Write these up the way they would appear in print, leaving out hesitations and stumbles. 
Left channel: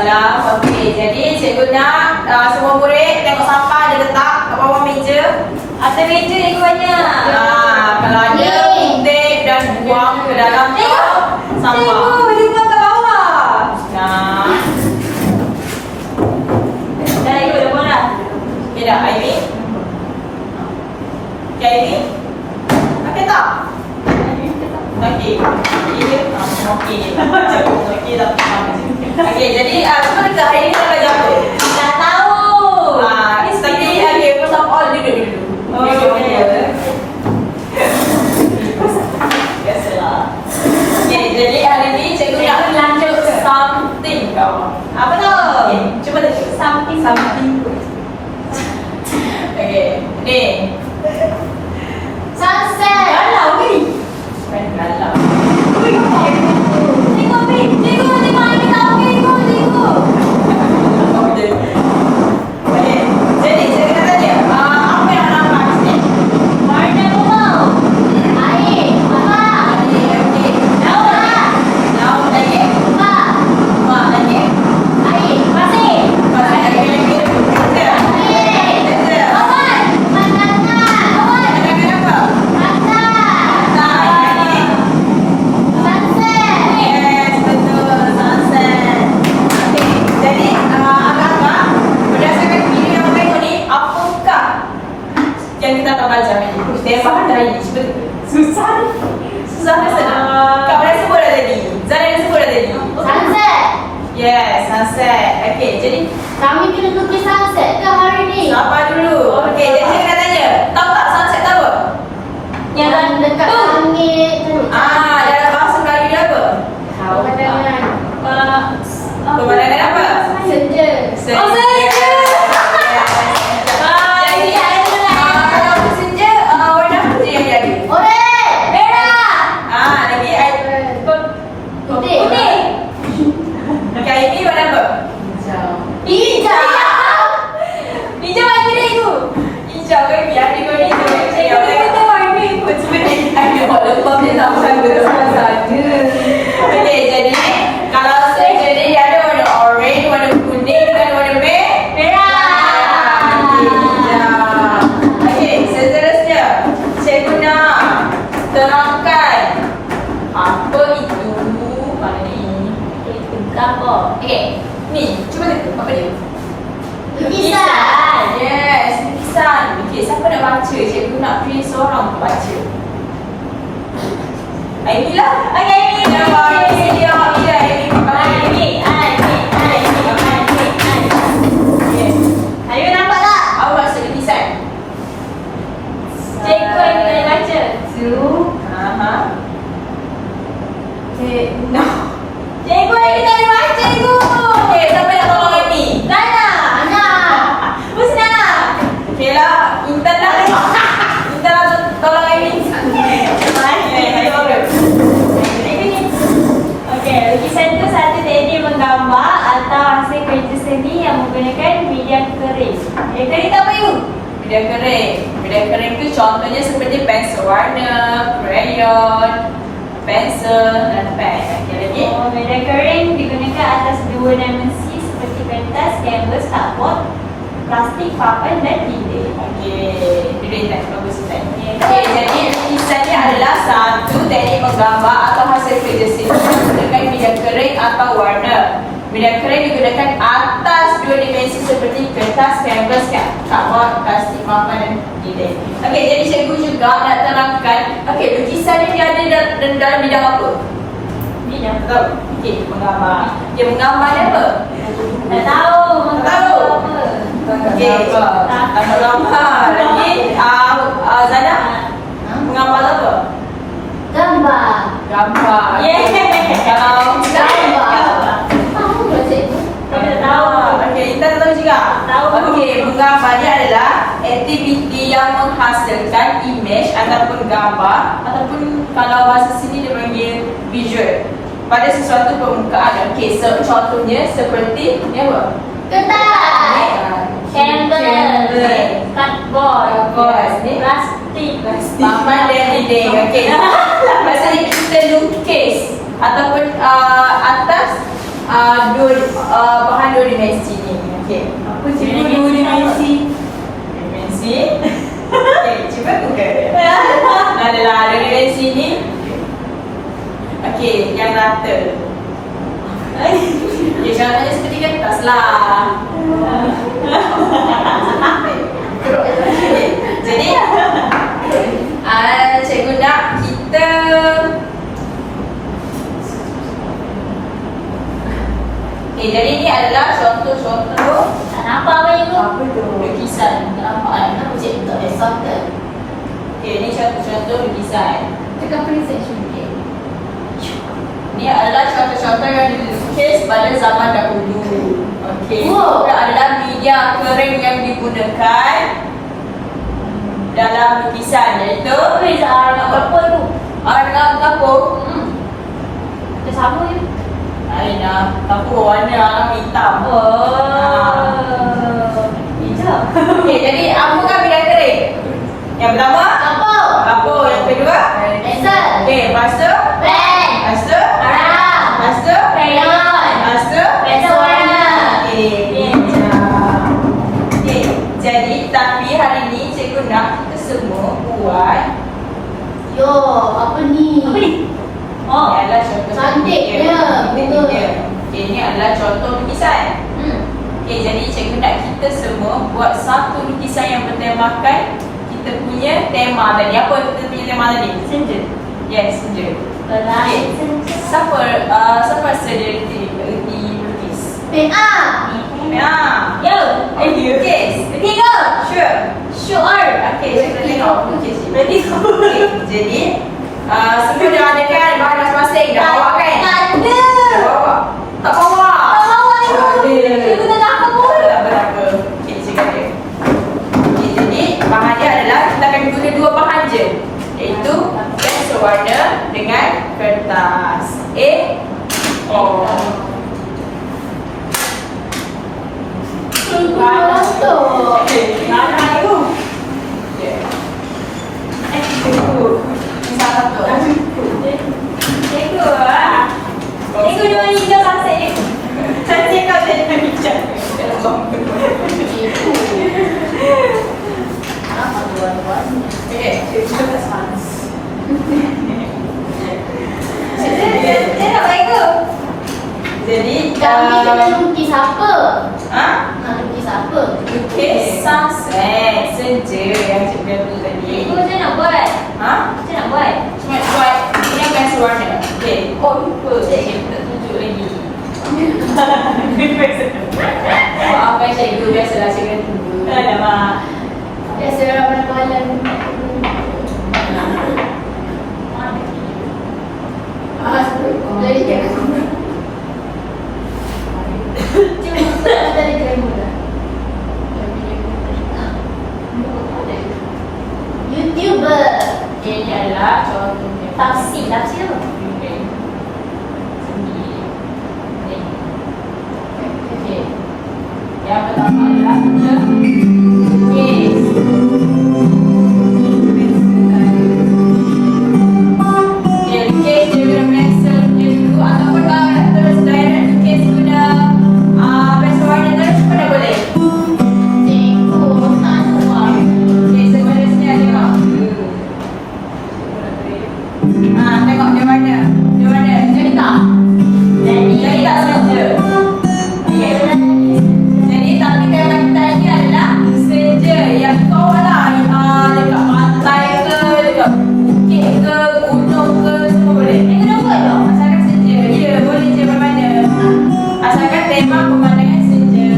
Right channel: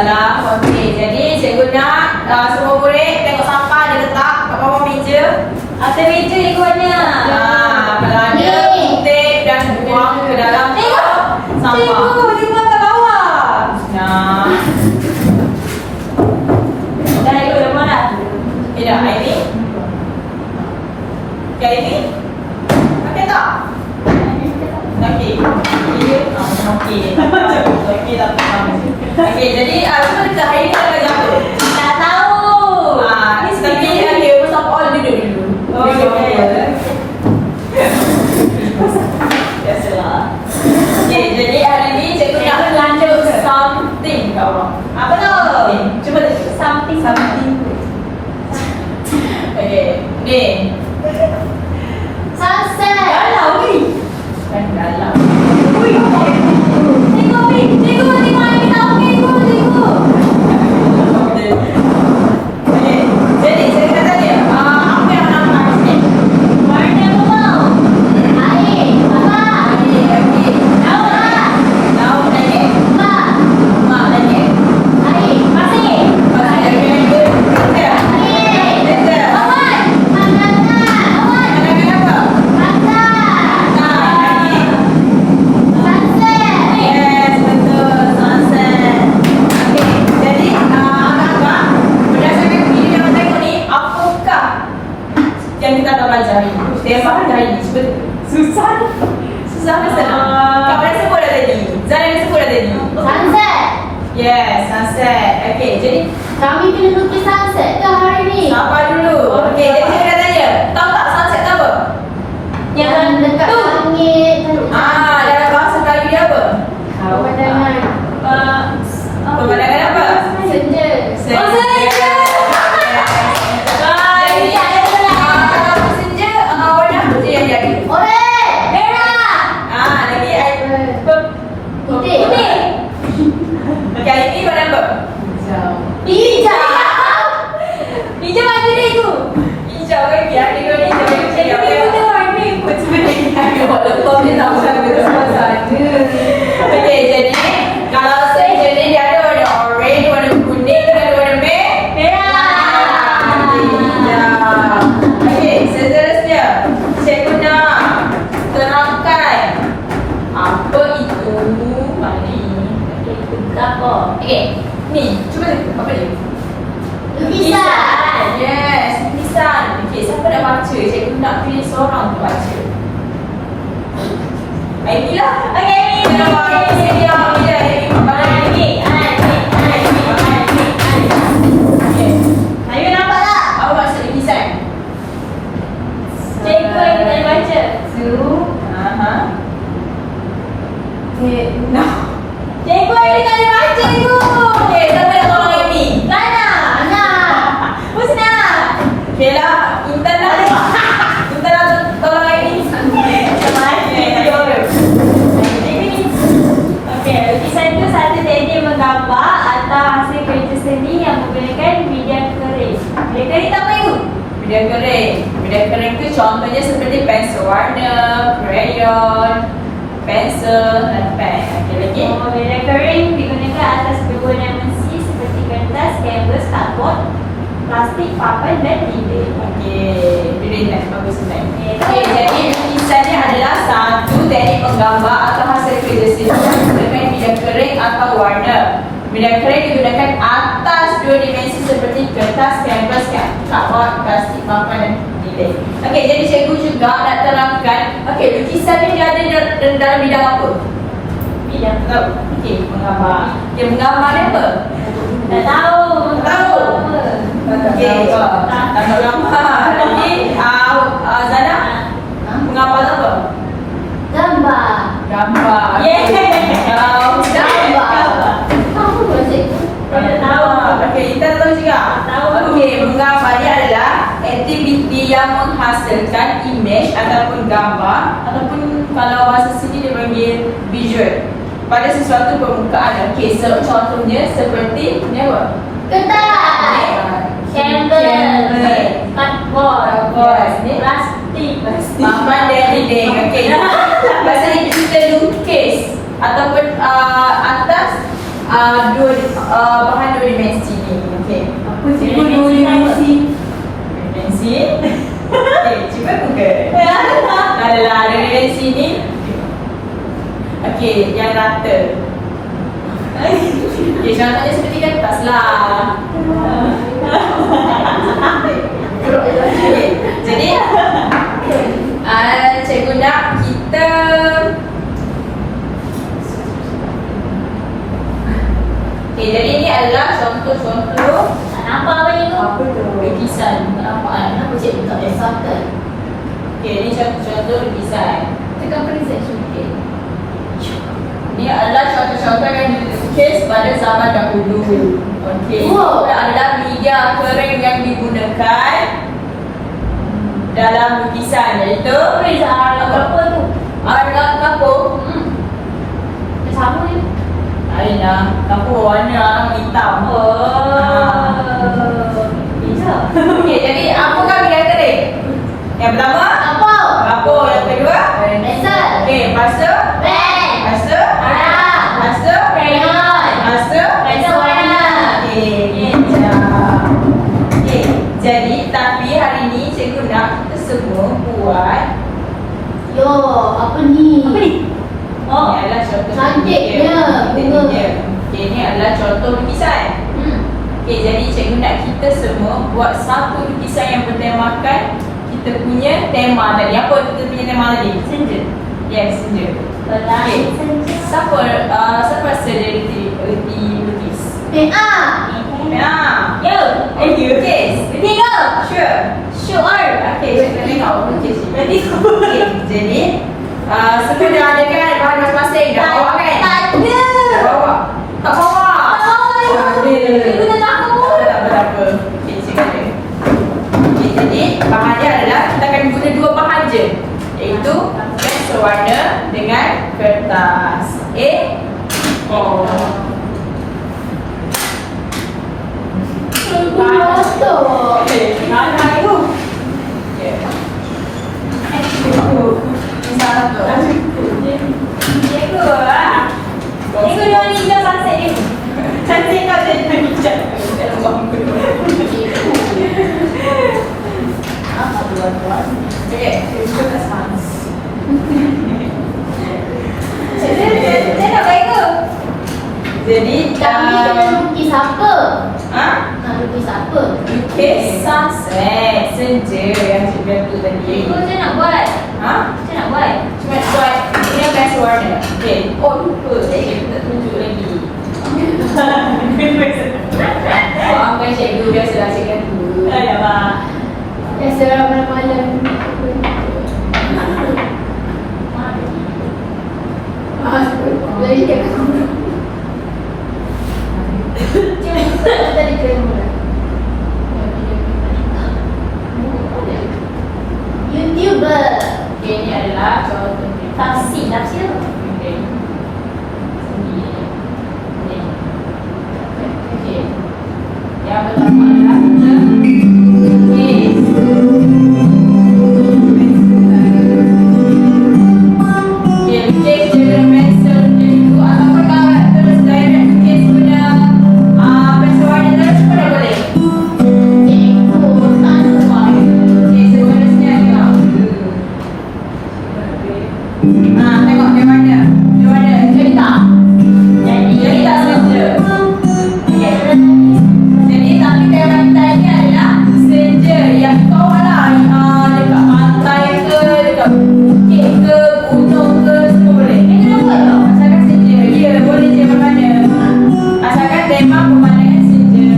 Waalaikumsalam. Okey, jadi cikgu nak semua murid tengok sampah dia letak kat bawah meja. Atas meja cikgu banyak. Kalau ada kutip dan buang ke dalam sampah. Cikgu, dia buang kat bawah. Nah. Dah cikgu, dah buang dah. Okay dah, Aini. Okay, Aini. Pakai tak? Okey. Okey. Okey lah. Okey, jadi semua dekat hari ni kita belajar apa? Tak tahu. Tapi okay, first of all duduk dulu. Duduk dulu. Biasalah. Okey, jadi hari ni cikgu nak lanjut something kau. Apa tu? Okey, cuba dulu. Something. Okey, ni. Sunset. Galau ni. Bukan galau. Cikgu, cikgu, ni mana kita tahu cikgu, cikgu. Okey, jadi saya nak tanya, apa yang nampak sini? Warna purple. Air. Apa? Okey. Laut. Laut lagi. Mak. Mak lagi. Air. Pasir. Pasal lagi lagi. Kerja. Air. Kerja. Obat. Pandangan. Obat. Ada apa? Pantai. Tak lagi. Sunset. Yes, betul. Sunset. Okey, jadi abang-abang, berdasarkan video yang tengok ni, apakah yang kita akan belajar ni? Tema hari ni. Cuba susah. Susah ke senang? Kak dah sebut dah tadi. Zan dah sebut dah tadi. Sunset. Yes, sunset. Okey, jadi Kami kena lukis sunset ke hari ni? sabar dulu. Okey, jadi saya nak tanya, tahu tak sunset tu apa? Yang dekat langit. Dalam bahasa Melayu dia apa? Pemandangan. Pemandangan apa? Senja. Senja. Oh, senja. Jadi, senja warna apa je yang jadi? Oranye. Merah. Lagi Putih. Okey, ini warna apa? Hijau. Hijau bagi dia tu. Hijau ke biar dia kau ni hijau. Kita warna Ikut sebenarnya ada buat lepas dia tak macam betul-betul ada. Okey, jadi kalau saya jadi dia ada warna orange, warna kuning dan warna merah. hijau. Okey, seterusnya cikgu nak terangkan apa itu mana ni. Itu apa? Okey, ni cuba tengok apa dia? Lukisan. Yes, lukisan. Okey, siapa nak baca? Cikgu nak pilih seorang untuk baca. Aini lah. Okey, Aini. Aini dah. Ayo nampak tak? Awak baca lukisan. Cikgu lagi nak baca. No. Cikgu lagi tak boleh baca cikgu. Okey, siapa nak tolong Aini? Nana. Husna. Okey lah, Intan lah. Intan lah tolong Aini. Okey, lukisan tu satu teknik menggambar atau hasil kerja seni yang menggunakan media kering. Media kering tak apa ibu? Media kering. Media kering tu contohnya seperti pensel warna, crayon, pensel dan pen. Okey lagi. Oh, media kering digunakan atas dua dimensi seperti kertas, kanvas, cardboard, plastik, papan dan dinding. Okey, dia nak bagus sekali. Okey, jadi lukisan ni adalah satu teknik menggambar atau hasil kerja seni menggunakan media kering atau warna. Media kering digunakan atas dua dimensi seperti kertas, kanvas, cardboard, plastik, papan dan dinding. Okey, jadi cikgu juga nak terangkan, okey, lukisan ni ada dalam bidang apa? Bidang. Okey, menggambar. Dia menggambar apa? Tak tahu. Tahu. Okey, tak menggambar. Lagi, Zana, menggambar apa? Gambar. Gambar. Kalau Gambar. Tahu tak cikgu? Tidak tahu. Okey, kita tahu juga. Tahu. Okey, menggambar ni adalah aktiviti yang menghasilkan image ataupun gambar ataupun kalau bahasa sini dia panggil visual pada sesuatu permukaan. Okey, contohnya seperti ni apa? Kertas. Canvas. Cardboard. Yes, ni Plastik. papan dan dinding. Okey. Lepas ni kita lukis ataupun atas bahan dua dimensi ni. Okey. Apa Cikgu dua dimensi. Dimensi. Okey, cuba Google. Adalah dua dimensi ni. Okey, yang rata. Okey, contohnya seperti kertas lah. Okay. Jadi cikgu nak kita jadi ni adalah contoh-contoh. Tak nampak apa ni? Apa tu? Lukisan. Tak nampak kan? Kenapa cikgu tak example? Okay, ni contoh-contoh lukisan. Tekan preset sikit. Ni adalah contoh-contoh yang dilukis pada zaman dahulu. Okey. Wow. Itu adalah media kering yang digunakan dalam lukisan, iaitu Apa tu? dengan kapur. Tak sama je. Aina, kapur warna alam hitam. Hijau. Okey, jadi apa kan media kering? Yang pertama, Kapur. kapur. Yang kedua, Pensel. okey, lepas tu, Pen. lepas tu, Arang. lepas tu, Crayon. lepas tu, Pensel warna. Okey, okey. Jadi tapi hari ni cikgu nak kita semua buat Yo, apa ni? Apa ni? ini adalah contoh Cantiknya bunga. Okey, ini adalah contoh lukisan. Okey, jadi cikgu nak kita semua buat satu lukisan yang bertemakan kita punya tema tadi. Apa kita punya tema tadi? Senja. Yes, senja. Okey. Siapa rasa dia erti lukis? PA. Ya. Yo. You lukis? Ketiga. Sure. Sure. Okey, saya tengok lukis ni. Ready? Okey, jadi semua dah ada kan bahan masing-masing dah bawa kan? Tak ada. Bawa. Tak bawa. Tak bawa ni. Tak ada. Cikgu tak nak apa pun. Tak apa. Okey, cikgu ada. Okey, jadi bahan dia adalah kita akan guna dua bahan je, iaitu pensel warna dengan kertas. Oh. Okey, mana itu? Okey. Sana tu. Cikgu lah. Cikgu dua hijau pasir ni. Cantik kau jadi hijau. Apa tuan-tuan? Okey, cikgu kat sana. Saya nak baik ke? Jadi Kami kena lukis apa? Nak lukis apa? lukis sunset senja yang cikgu tu tadi. Cikgu saya nak buat. Saya nak buat. Cuma buat ini pensel warna. Okey. Oh lupa cikgu tak tunjuk lagi. Maafkan cikgu, biasalah cikgu dulu. Alamak. Biasa malam-malam. Lagi kat aku. Cuba tadi kamera. YouTuber. Okey, ini adalah contohnya. Tafsir apa? Okey. Sendiri. Okey. Yang pertama adalah kita lukis. Okey, lukis dia guna pensel lukis dulu. Ataupun kalau nak terus direct lukis guna pensel warna terus pun dah boleh. Cikgu tak kuat. Okey, sebelah sini ada tengok. Tengok dia mana. Dia mana. Jadi tak? Jadi tak senja. Okey. Jadi tapi tema kita ni adalah senja yang kau lah dekat pantai ke, dekat bukit ke, gunung ke, semua boleh. Cikgu nak buat tak? Asalkan senja. Ya, boleh je mana-mana. Asalkan tema pemandangan senja.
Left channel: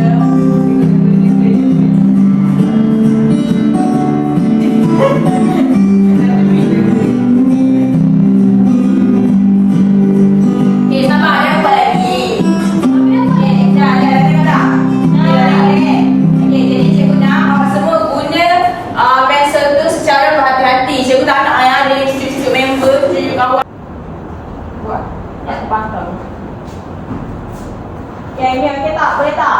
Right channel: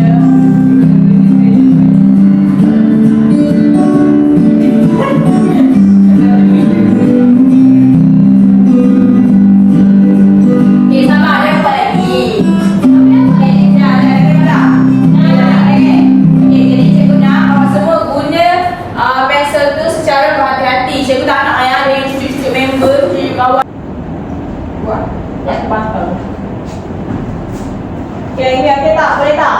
Okey, sama ada buat lagi. Okey, dah tengok dah. Okey, jadi cikgu nak awak semua guna pensel tu secara berhati-hati. Cikgu tak nak ada yang cucuk-cucuk member, cucuk kawan. Buat. Tak patah. Okey, ini okey tak? Boleh tak?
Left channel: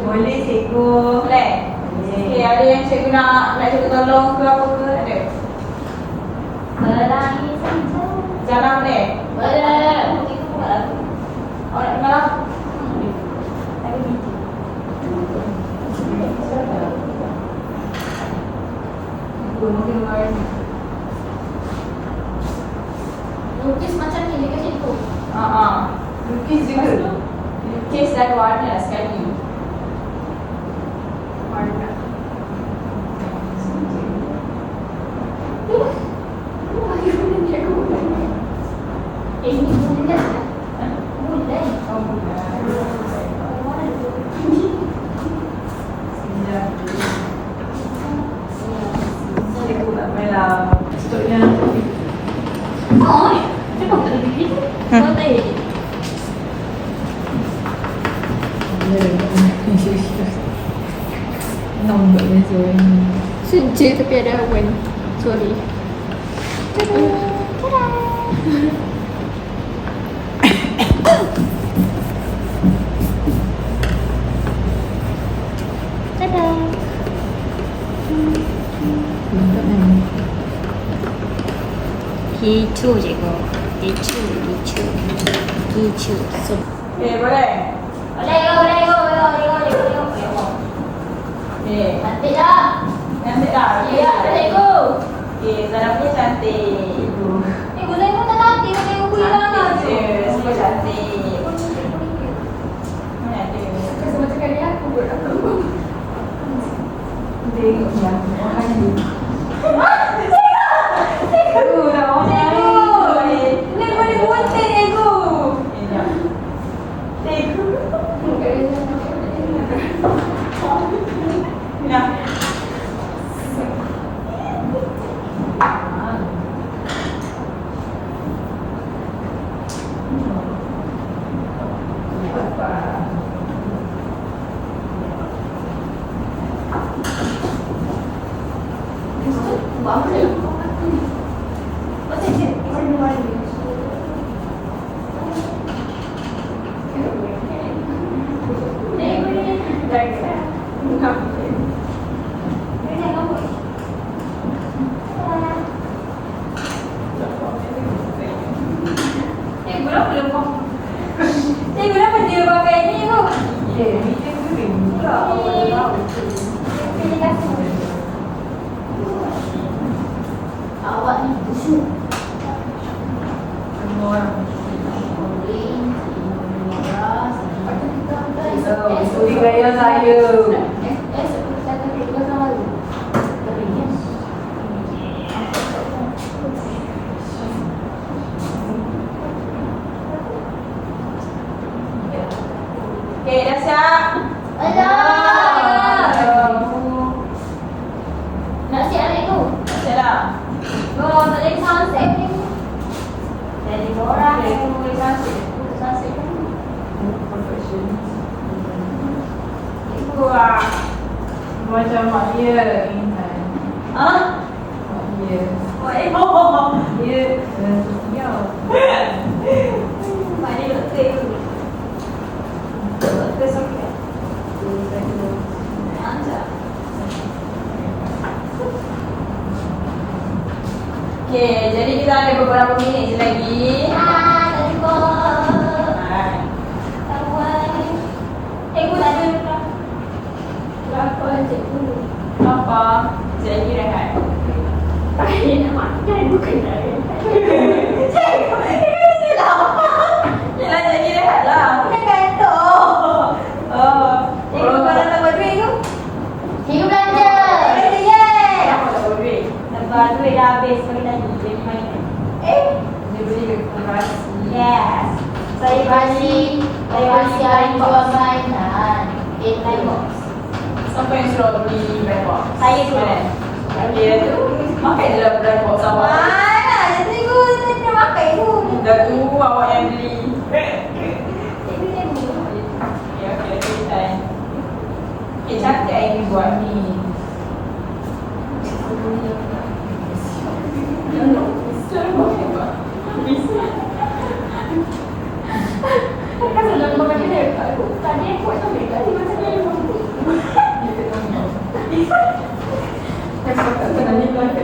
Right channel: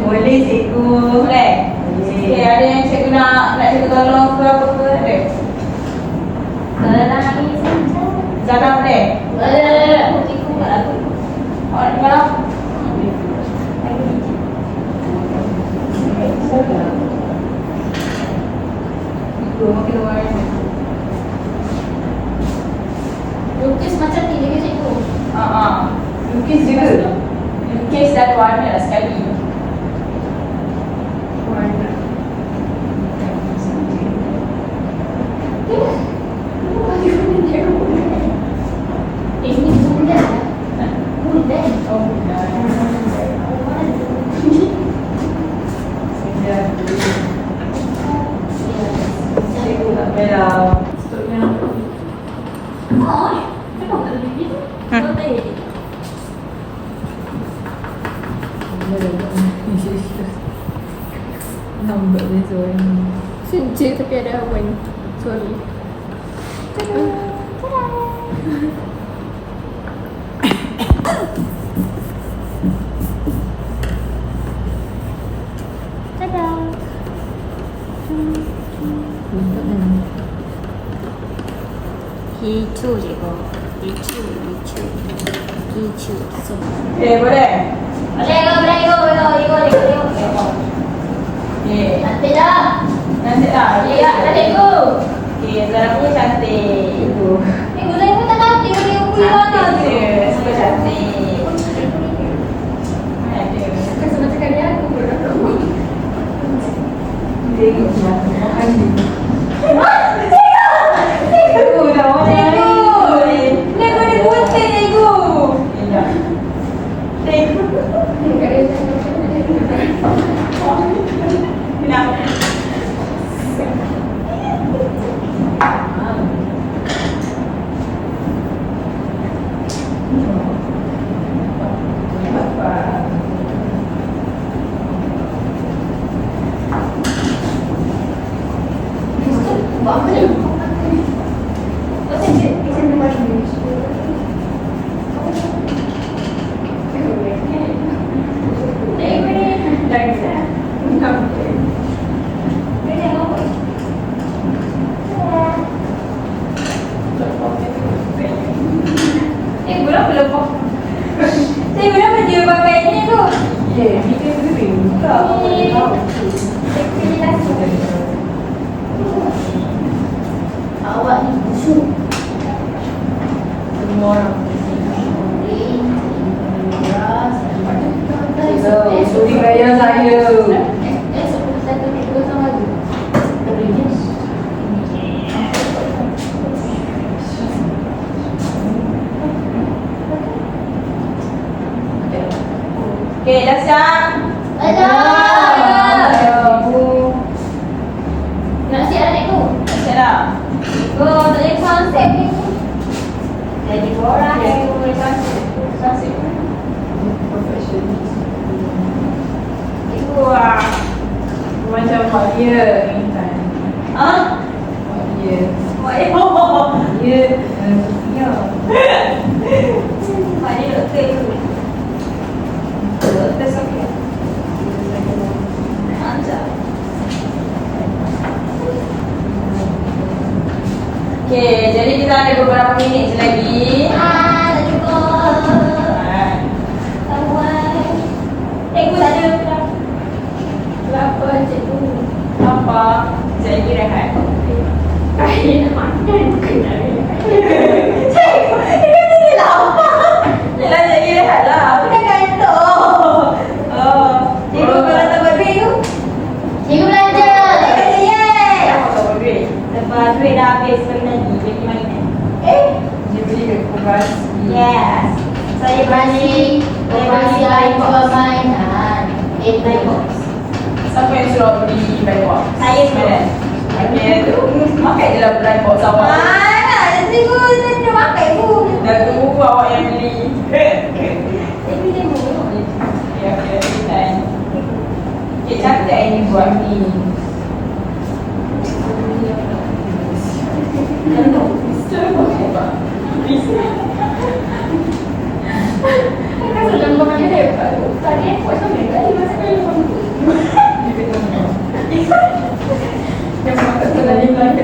Boleh cikgu. Boleh. Okey, ada yang cikgu nak cikgu tolong ke apa ke? Ada. Zana boleh? Boleh. Cikgu buat lagu. Awak nak dengar lah? Mungkin warna. Lukis macam ni juga cikgu. Lukis juga. Lukis dan warna sekali. Warna. Ini bulan. Bulan. Oh, benar. Cikgu nak belah. Stoknya nanti. Oh, kenapa tak ada begitu? Boleh. Nampak besok ni. Senja tapi ada awan. Sorry. Mantap kan? Hijau cikgu. Hijau. So, Okay, boleh? Boleh go. Okay. Nanti dah. Nanti lah. Ya, dah cikgu. Okay, Zana pun cantik. Cikgu saya pun tak nanti. Cikgu bilang Cantik je. Semua cantik. Ada. Sama cakap dia aku buat apa? Tengok je. Aduh, dah macam ni. Cikgu ni putih cikgu. Cikgu. Nak. Cikgu kenapa dia pakai ni tu? Dia kering. Tak, awak dah tahu. Cikgu kasih. Awak ni busuk. Semua orang. Ikuti gaya saya. Seperti saya kata kita sama lagi. Terus. Okay, dah siap? Nak siap dah cikgu? Dah siap dah? Go, tak boleh konsep ni. Jadi orang yang boleh masuk. Cantik. Wah. Macam mak dia Intan. Ah? Mak dia. Wah. Dia ya. Mak dia doktor tu. Doktor sakit. Ajar. Okay, jadi kita ada beberapa minit je lagi. Tak jumpa. Cikgu tak ada. Berapa cikgu? Apa? Jadi rehat. Saya nak makan bukan nak rehat. Yelah, jadi rehat lah. Bukan kantor. Oh. Cikgu kalau tak buat duit tu. Cikgu belanja. Yeay. Apa tak boleh duit? Lepas duit dah habis, bagi lagi. Bagi mainan. Dia beli ke kuras. Yes. Saya bagi. Saya masih lain jual mainan. Light box. Siapa yang suruh beli black box? Saya tu. Dia tu makan je lah black box awak. Mana? Cikgu saya dah makan pun. Dah tu awak yang beli. Cikgu tengok. Ya, kira kan. Okay, cantik hari ni buat ni. Tengok. Hebat. Kan dalam barang dia hebat tu. Tadi aku buat sampai kali macam dalam barang tu. Yang makan pernah dia belanja.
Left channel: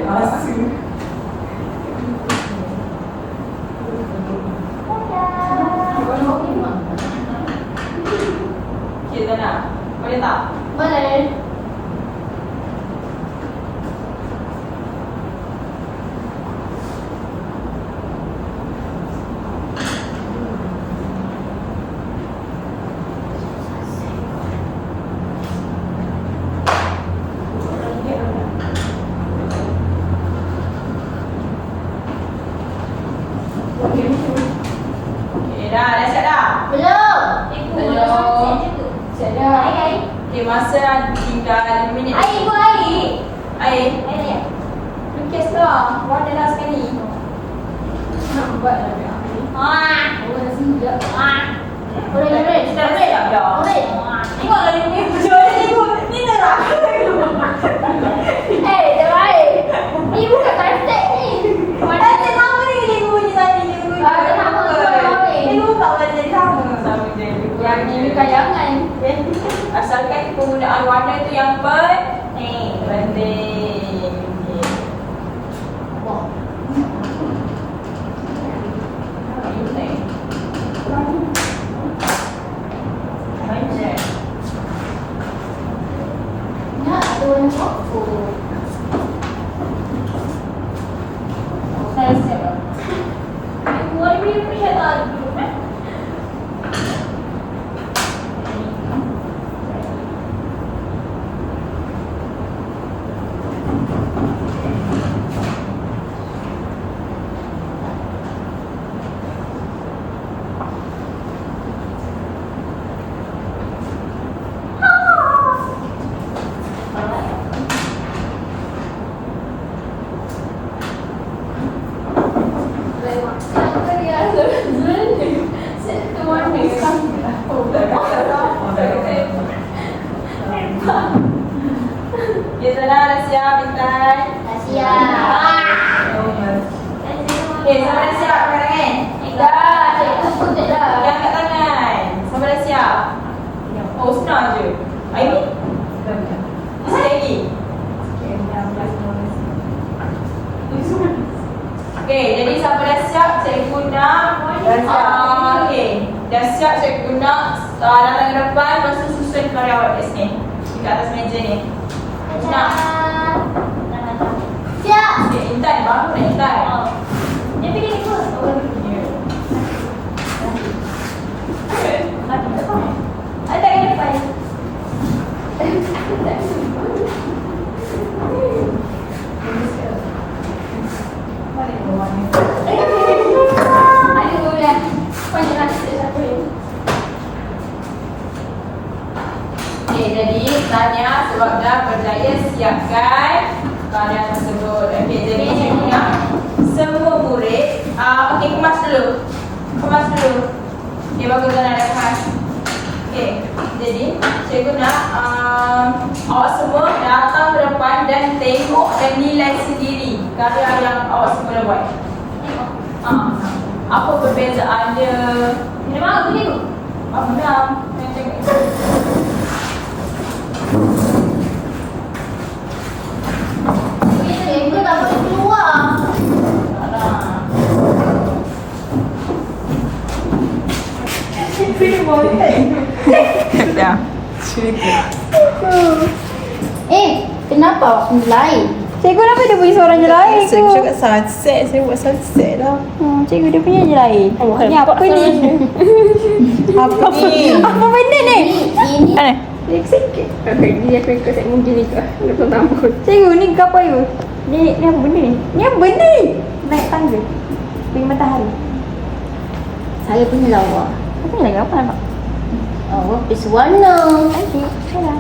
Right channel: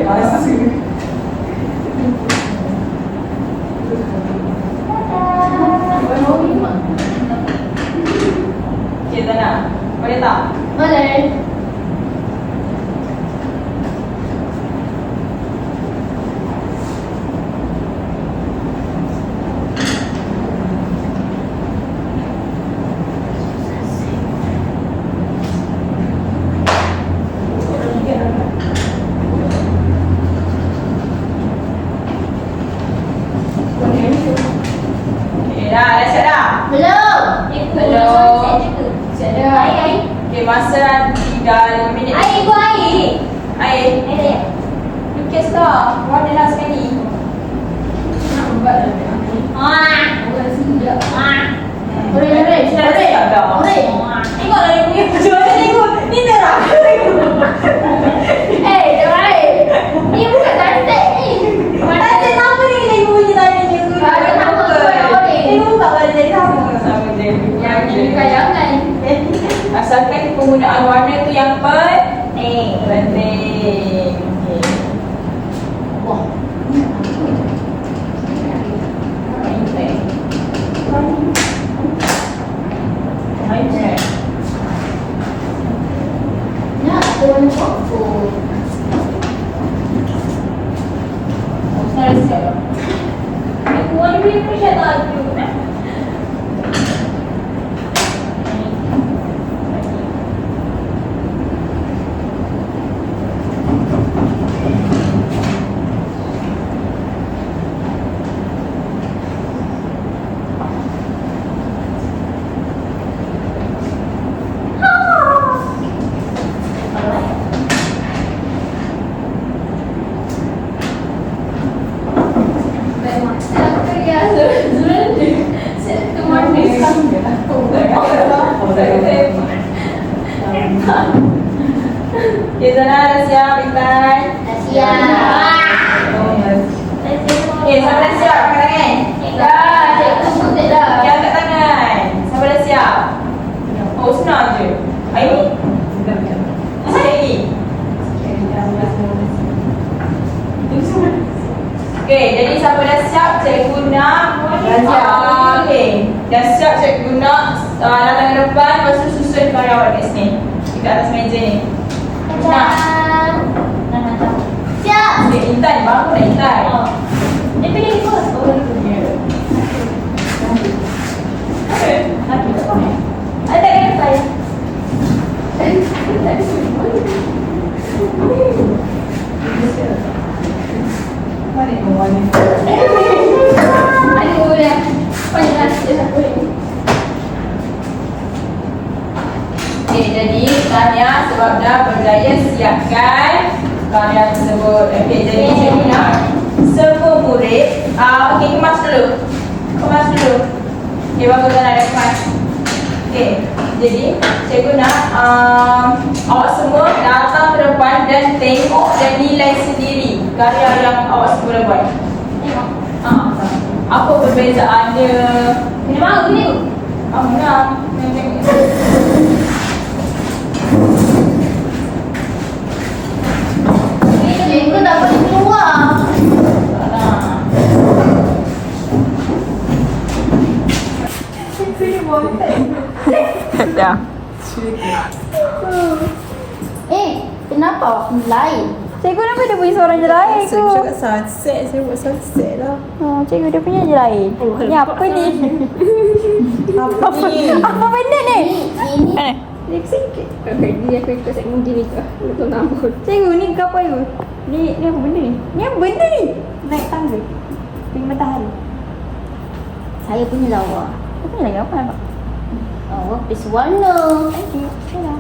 Okay, dah siap dah? Belum. Belum. Siap dah. Air. Okay, masa tinggal 5 minit. Air ikut air. Air. Air. Lukis lah. Warna lah sekali. Nampak dah. Ah. Awak dah sedap. Ah. Orange. Dah siap dah. Orange. Tengok lah dia punya. Cuba tengok. Ni neraka tengok. Terbaik. Ni bukan cantik ni. Tadi sama ni kena ibu punya tadi je. Tadi sama tu warna orange. Dia buka warna dia sama. Sama je. Yang ini kayangan. Asalkan penggunaan warna tu yang Ni. penting. Okay. Wah. Nak ada warna purple. Dah siap dah. Warna dia punya macam tadi. Memang saya kerja sebenarnya. Saya tu warna Okay, Zana dah siap, Intan. Okay, siapa dah siap? Angkat tangan. Dah, cikgu putih dah. Okay, angkat tangan. Siapa dah siap? Oh, senang je. Aimi? Sekali lagi. Okay, jadi siapa dah siap, cikgu nak okay, dah siap cikgu nak datang ke depan, lepas tu susun karyawan kat sini, dekat atas meja ni. Nak? Siap. Okay, Intan, baru nak Intan. Dia pilih apa? Oh, dia pilih. Ada kan saya? Mari kau wani. Aduh, dah. Banyak nasi satu ni. Okay, jadi Tanya sebab dah berjaya siapkan karya tersebut. Okay, jadi cikgu nak semua murid okay, kemas dulu. Kemas dulu. Okay, bagus Tanya dah kemas. Okay, jadi cikgu nak awak semua datang ke depan dan tengok dan nilai sendiri karya yang awak semua dah buat. Apa perbezaannya? Kena mahu dulu. Menang. Tengok. Cikgu tak boleh keluar. Dah. Kenapa awak lain? Cikgu kenapa dia punya suara je lain tu? Saya cakap sunset, saya buat sunset lah. Cikgu dia punya je lain. Ni apa ni? Apa ni? Apa benda ni? Ini Mana? Sikit-sikit. Okay, dia aku ikut saya mungkin ikut. Betul tambah. Cikgu ni ke apa you? Ni apa benda ni? Ni apa benda ni? Naik tangga. Pergi matahari. saya punya lawa. Apa ni lagi apa nampak? Oh, habis warna. Thank you. Dah.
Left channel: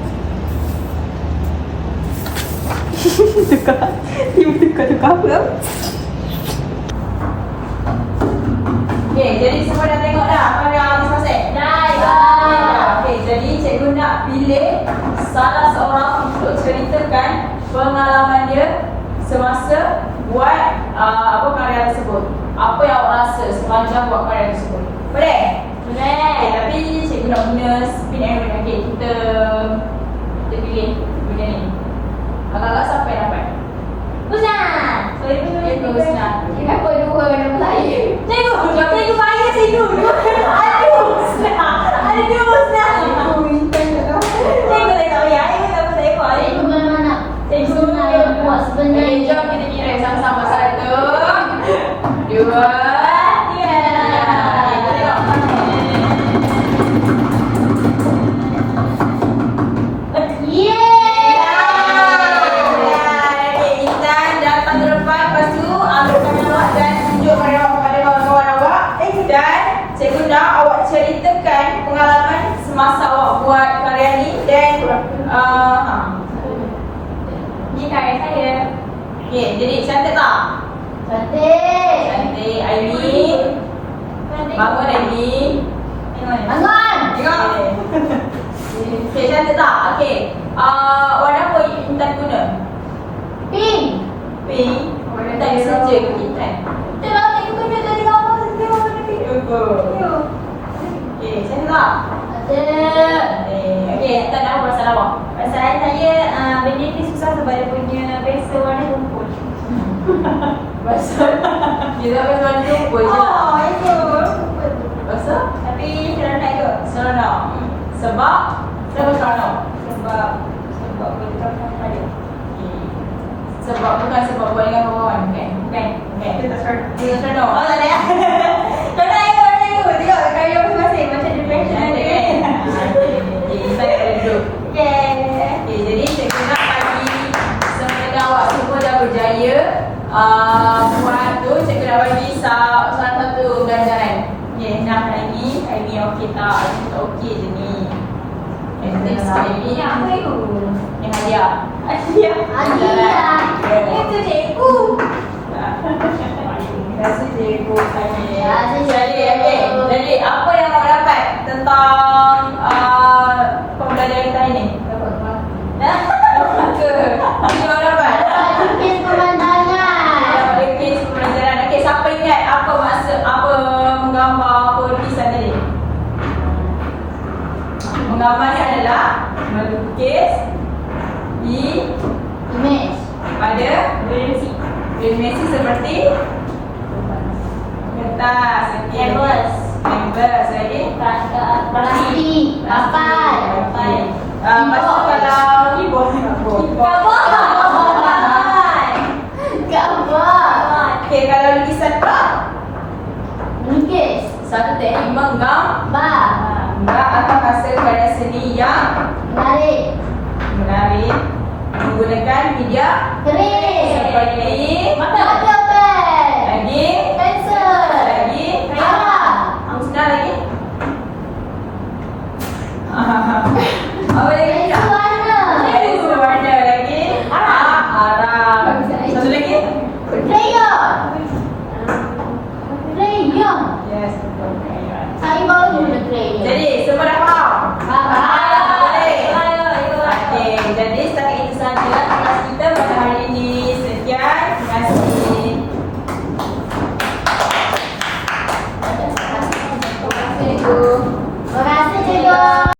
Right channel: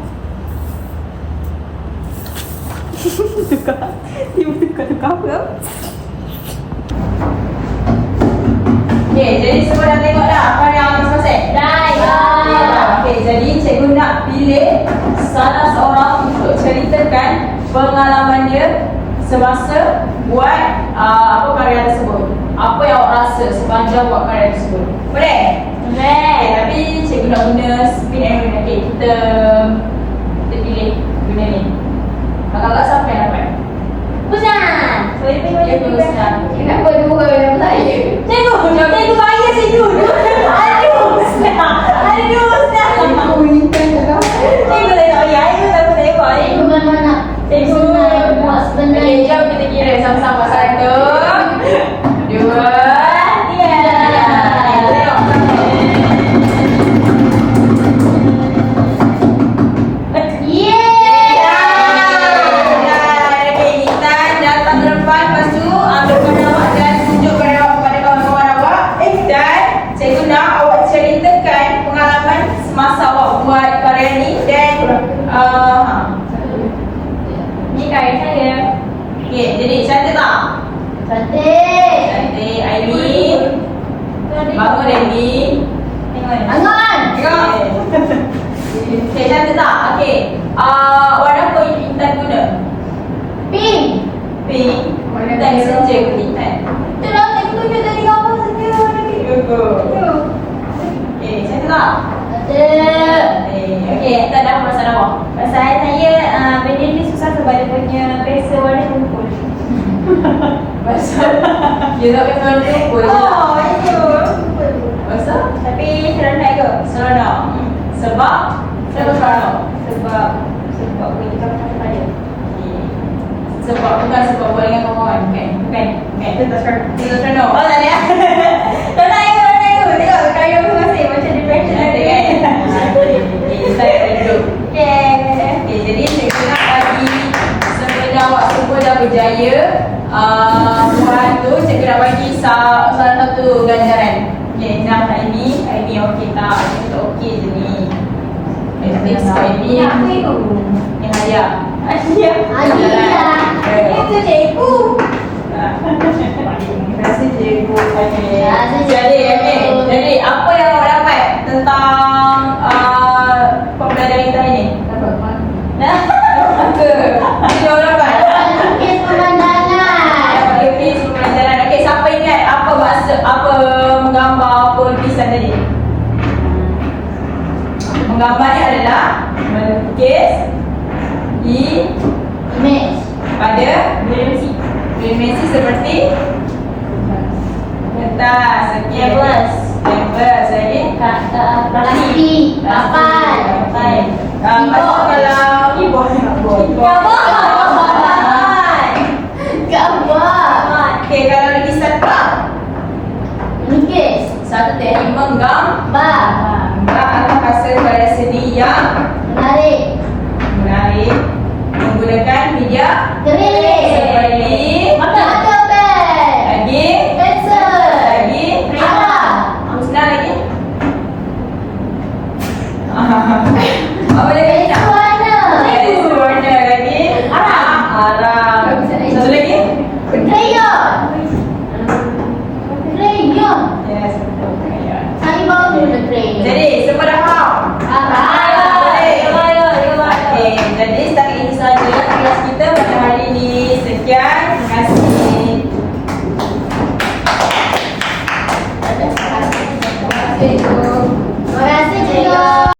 Tukar. Tiba tukar apa? Okay, jadi semua dah tengok dah karya habis selesai? Dah. Okay, jadi cikgu nak pilih salah seorang untuk ceritakan pengalaman dia semasa buat apa karya tersebut. Apa yang awak rasa sepanjang buat karya tersebut? Boleh? Okay, tapi cikgu nak guna spin and win. Okay, kita pilih guna ni. Kakak-kakak siapa yang dapat? Pusat. Saya pergi Cikgu Husna. Kenapa dia bukan yang saya? Cikgu bayar sejuk. Aduh, senang. Aduh, senang. Cikgu tak tahu ya. Cikgu tak boleh buat. Cikgu memang nak. Cikgu nak buat Okay, sebenarnya. jom kita kira sama-sama. 1, 2, 3. Yeay. Okay, Intan datang ke depan, lepas tu ambil kamera awak dan tunjuk pada awak kepada semasa awak buat karya ni. Dan Ni karya saya. okay, jadi cantik tak? Cantik. Cantik. Amy, bangun Amy. Angan. Tengok. Okay, cantik tak? Okay. Warna apa Intan guna? Pink. Pink. Intan messenger ke Intan? Betul lah, saya guna dari kamu saja warna pink. Okay, cantik tak? Cantik. Okay, Intan dah perasaan awak? Perasaan saya benda ni susah sebab dia punya pensel warna rumput. Pasal dia tak pakai warna rumput je. Oh, itu rumput tu. Pasal? Tapi seronok ke? Seronok. Sebab? Sebab seronok. Sebab boleh tukar pada. Sebab bukan sebab buat dengan kawan-kawan, bukan? Bukan. Bukan. Itu tak seronok. Itu seronok. Oh, tak ada. Seronok you. Tengok karya masing-masing macam depression Cantik ada. kan? Okay, saya duduk. Okay. Okay, jadi saya nak bagi sebenarnya awak semua dah berjaya buat tu, cikgu nak bagi salah satu ganjaran. Okay, nak ini okey tak? Ini tak okey je ni. Next ini Yang apa itu? yang hadiah. Asyik. Ajilah. Itu cikgu. Terima kasih cikgu. Okay. Terima kasih, cikgu. Jadi apa yang awak dapat tentang pembelajaran kita hari ni? Dapat ke? Apa awak dapat? Lukis pemandangan. Dapat lukis pembelajaran. Okey, siapa ingat apa maksud apa menggambar apa lukisan tadi? Menggambar ni adalah melukis Image. pada dimensi seperti kertas, okey. Canvas. Canvas lagi. Plastik. Papan. Okey. Macam kalau keyboard. Gambar. Okey, kalau lukisan tak, Lukis. satu teknik Gambar. atau hasil karya seni yang Menarik. menarik menggunakan media Keris. seperti